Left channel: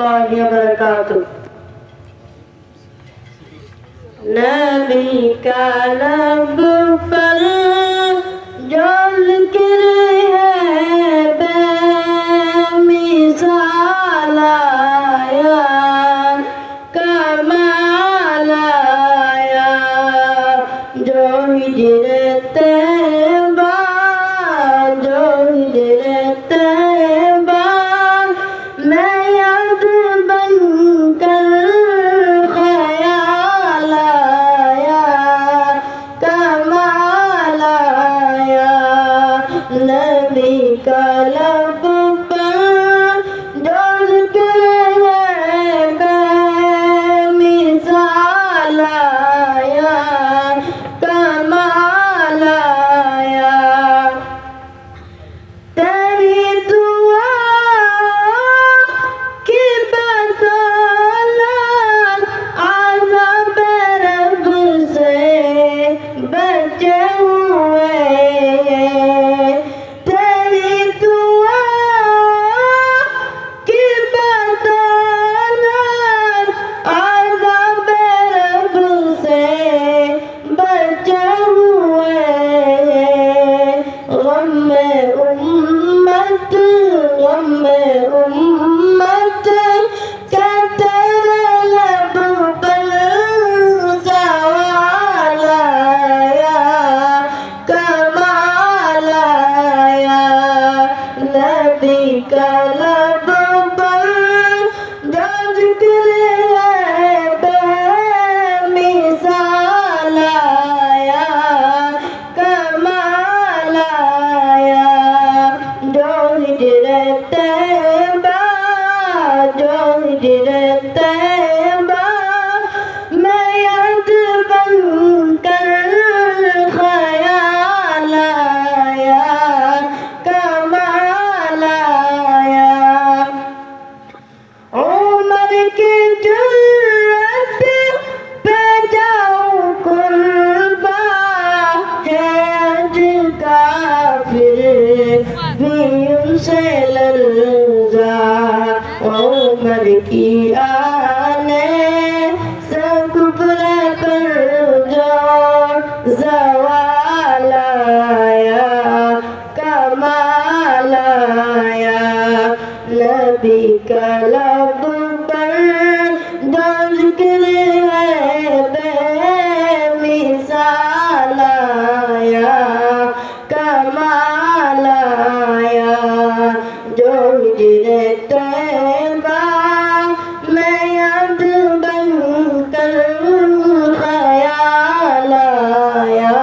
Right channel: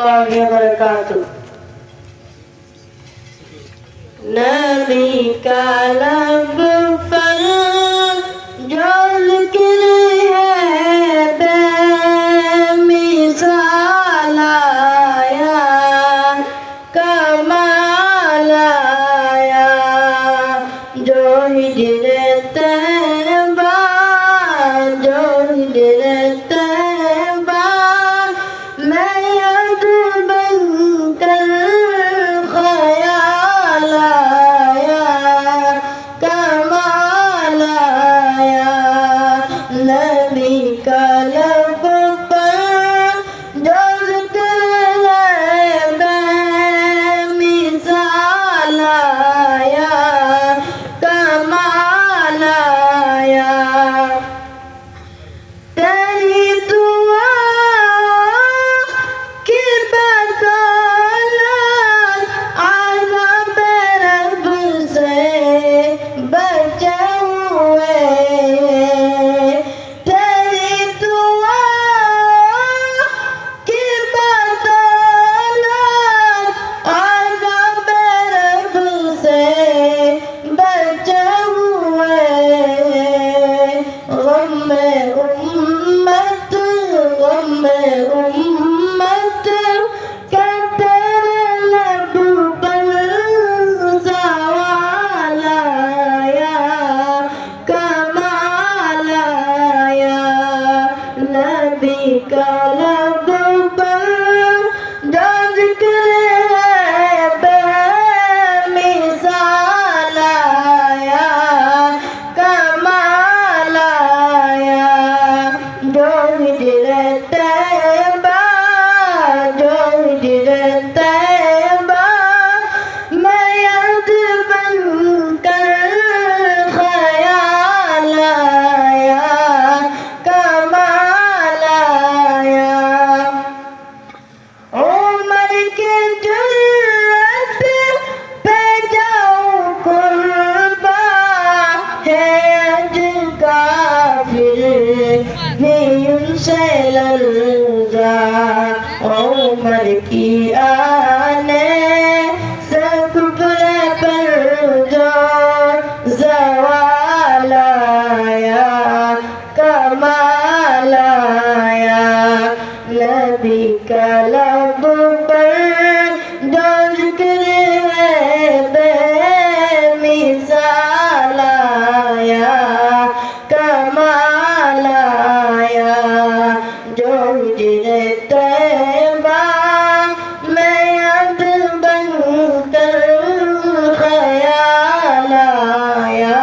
الله وبركاته نبی کا لب پر جو ذکر ہے بے مثال آیا کمال آیا جو ہجر طیبہ جو ہجر طیبہ میں یاد بن کر خیال آیا کمال آیا نبی کا لب پر جو ذکر ہے بے مثال آیا کمال آیا تیری دعا کی بدولت عذاب رب سے بچے ہوئے تیری دعا کی بدولت عذاب رب سے بچے ہوئے غم امت کہ تیرے لب پر زوال آیا کمال آیا نبی کا لب پر جو ذکر ہے بے مثال آیا کمال آیا جو ہجر طیبہ جو ہجر طیبہ میں یاد بن کر خیال آیا کمال آیا عمر کی جرت پہ جاؤں قربا ہے اج کافر بھی ان سے لرزا عمر کی آنے سے کفر پر جو زوال آیا کمال آیا نبی کا لب پر جو ذکر ہے بے مثال آیا کمال آیا جو ہجر طیبہ میں یاد بن کر خیال آیا